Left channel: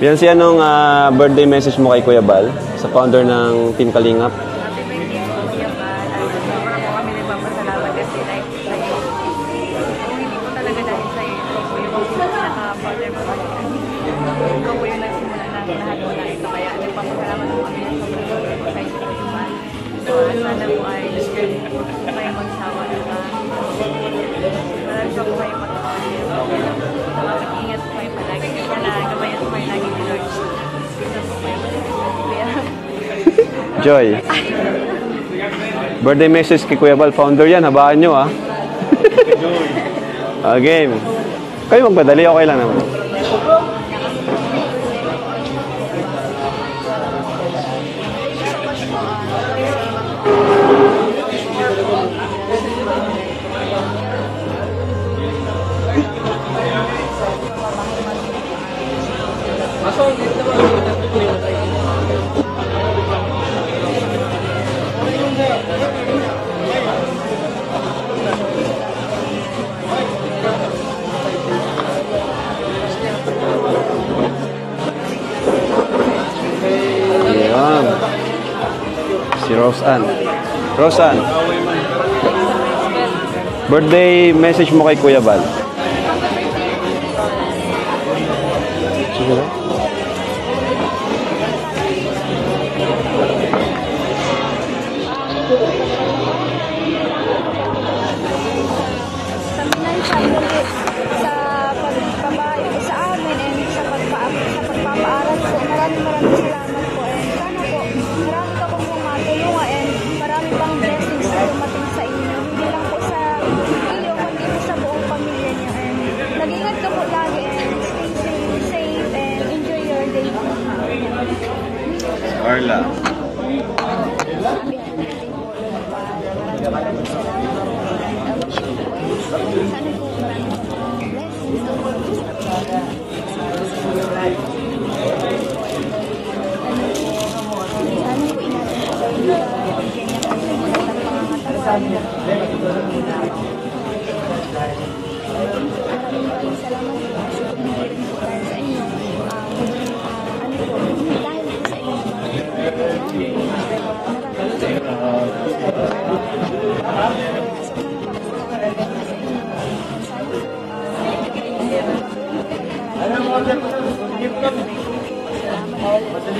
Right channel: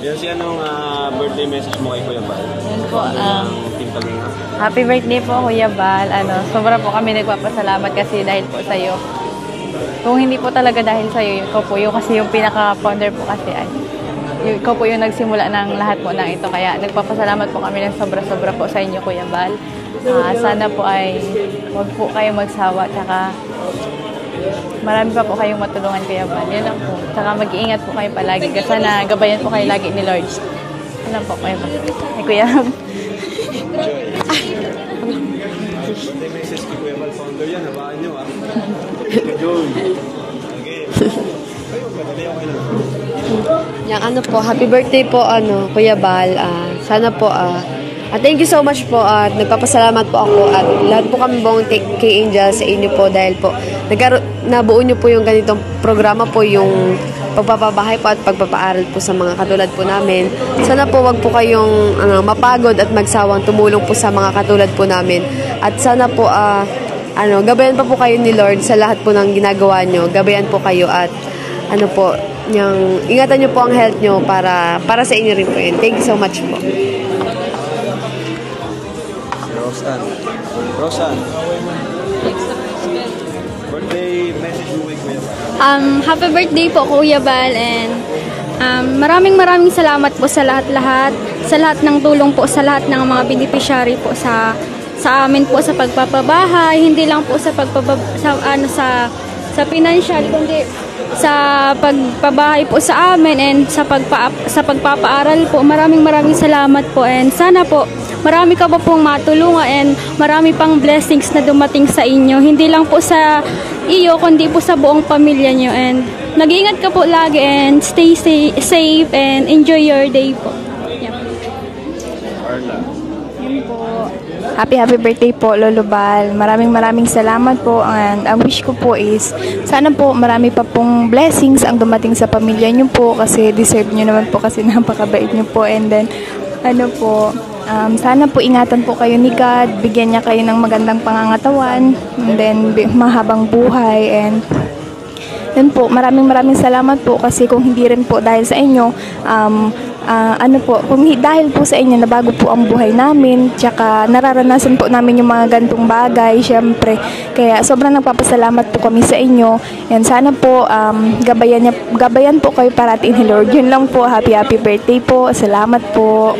Beyonce, anong birthday message mo kay Kuya Bal, sa founder ng Team Kalingap? Happy birthday po, Kuya Bal. Sobra po kami nagpapasalamat kasi dahil po sa'yo. Kung hindi po talaga dahil sa'yo, yung po yung kasi yung pinaka-founder po kasi ay ikaw po yung nagsimula ng lahat po ng ito. Kaya nagpapasalamat po kami ng sobra-sobra po sa inyo, Kuya Bal. Sana po ay huwag po kayo magsawa. Tsaka marami pa po kayong matulungan, Kuya Bal. Yan lang po. Tsaka mag-iingat po kayo palagi. Kasi sana gabayan po kayo lagi ni Lord. Yan lang po, Kuya Bal. Kuya Joy. Birthday message kay Kuya Bal. Founder yan. Habaan nyo, ha? Joy. Okay. Kayo magpadali. Okay lang naman. Yung po, happy birthday po, Kuya Bal. Sana po, thank you so much po at nagpapasalamat po ako at lahat po kami buong K-Angel sa inyo po dahil po nabuo nyo po yung ganitong programa po, yung pagpapabahay po at pagpapaaral po sa mga katulad po namin. Sana po wag po kayong mapagod at magsawang tumulong po sa mga katulad po namin. At sana po, gabayan pa po kayo ni Lord sa lahat po ng ginagawa nyo. Gabayan po kayo at ingatan nyo po ang health nyo para sa inyo rin po yun. Thank you so much. Wow. Si Roseanne. Roseanne, birthday message mo kay Kuya Bal. Happy birthday po, Kuya Bal, and maraming salamat po sa lahat ng tulong po, sa lahat ng mga beneficiary po sa amin po sa pagpapabahay, hindi lang po sa financial, hindi sa pagpabahay po sa amin and sa pagpapaaral po. Maraming salamat po, and sana po marami ka po pong matulungan and marami pang blessings na dumating sa inyo, hindi lang po sa iyo kundi po sa buong pamilya nyo, and nag-iingat ka po lagi and stay safe and enjoy your day po. Carla. Happy birthday po, Lolo Bal. Maraming salamat po, and ang wish ko po is sana po marami pa pong blessings ang dumating sa pamilya niyo po kasi deserve niyo naman po kasi napakabait niyo po, and then sana po ingatan po kayo ni God, bigyan niya kayo ng magandang pangangatawan, and then mahabang buhay, and then po maraming salamat po kasi kung hindi rin po dahil sa inyo, kung dahil po sa inyo nabago po ang buhay namin, tsaka nararanasan po namin yung mga gantong bagay, syempre. Kaya sobrang nagpapasalamat po kami sa inyo. Yan, sana po gabayan po kayo parating ni Lord. Yun lang po. Happy birthday po. Salamat po.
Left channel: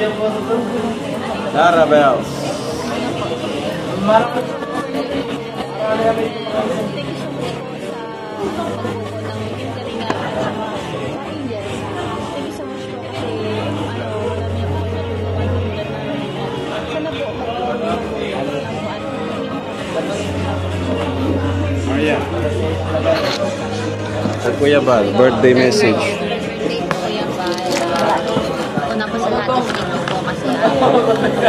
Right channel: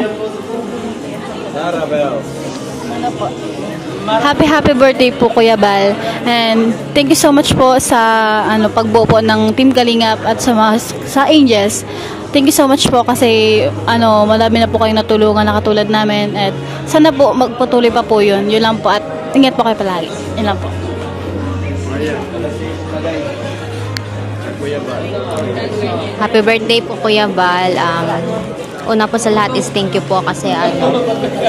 Happy birthday po, Kuya Bal. And thank you so much po sa pagbuo po ng Team Kalingap at sa Angels. Thank you so much po kasi marami na po kayong natulungan na katulad namin, at sana po magpatuloy pa po yun. Yun lang po, at ingat po kayo palagi. Yun lang po. Maria. At Kuya Bal, birthday message. Happy birthday po, Kuya Bal. Una po sa lahat is thank you po kasi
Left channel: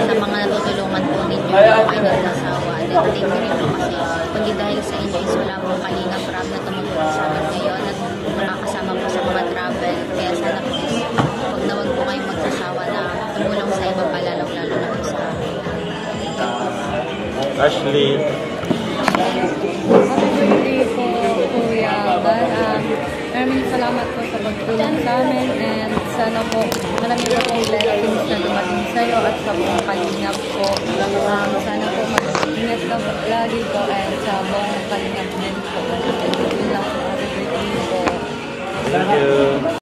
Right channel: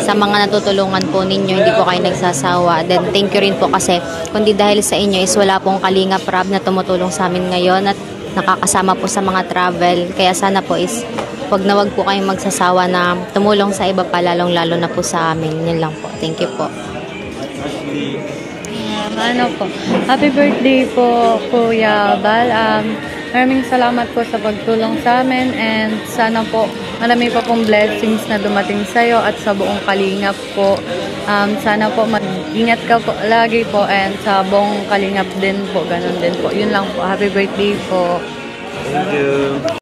sa mga natutulungan po ninyo, hindi po kayo nagsasawa. Then thank you rin po kasi kundi dahil sa inyo is wala pong Kalingap Rab na tumutulong sa amin ngayon at nakakasama po sa mga travel. Kaya sana po is wag po kayong magsasawa na tumulong sa iba pa, lalong-lalo na po sa amin. Yun lang po. Thank you po. Ashley. Happy birthday po, Kuya Bal. Maraming salamat po sa pagtulong sa amin, and sana po marami pa pong blessings na dumating sa iyo at sa buong Kalingap po. Sana po mag-ingat ka po lagi po, and sa buong Kalingap din po, ganun din po. Yun lang po. Happy birthday po. Thank you.